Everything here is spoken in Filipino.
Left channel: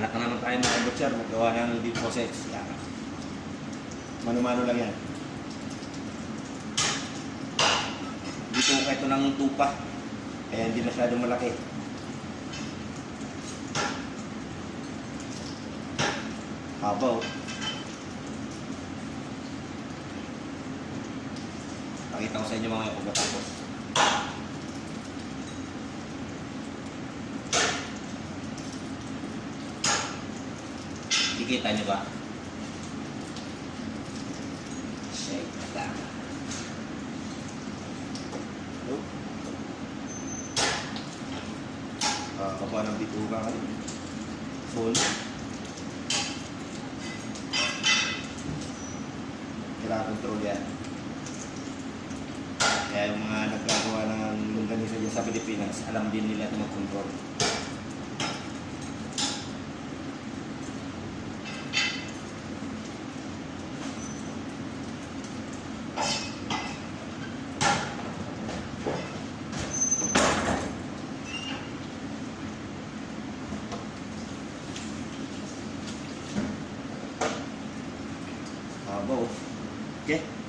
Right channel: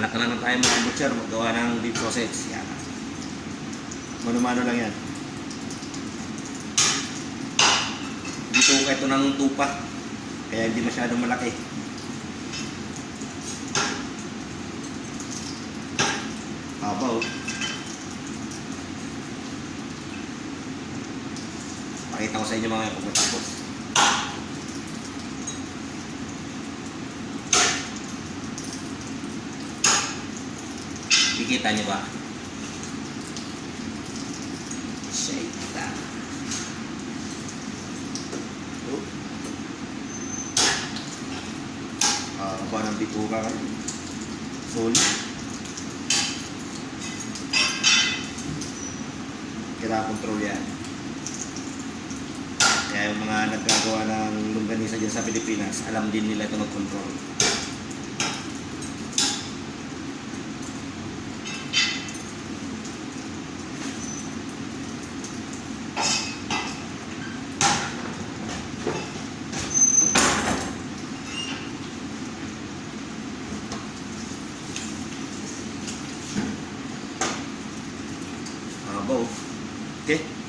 Anak na naman tayo mga butcher, magawa ng beef sausage. Yan. Mano-mano lang yan. Dito ito na nung tupa. Kaya hindi masyadong malaki. Haba oh. Pakita ko sa inyo mga pag natapos. Kikita niyo ba? Shake that. Oh. Haba ng bituka kayo. Solid. Kailangan control yan. Kaya yung mga nagagawa ng longganisa dyan sa Pilipinas, alam din nila ito mag-control. Abo. Okay.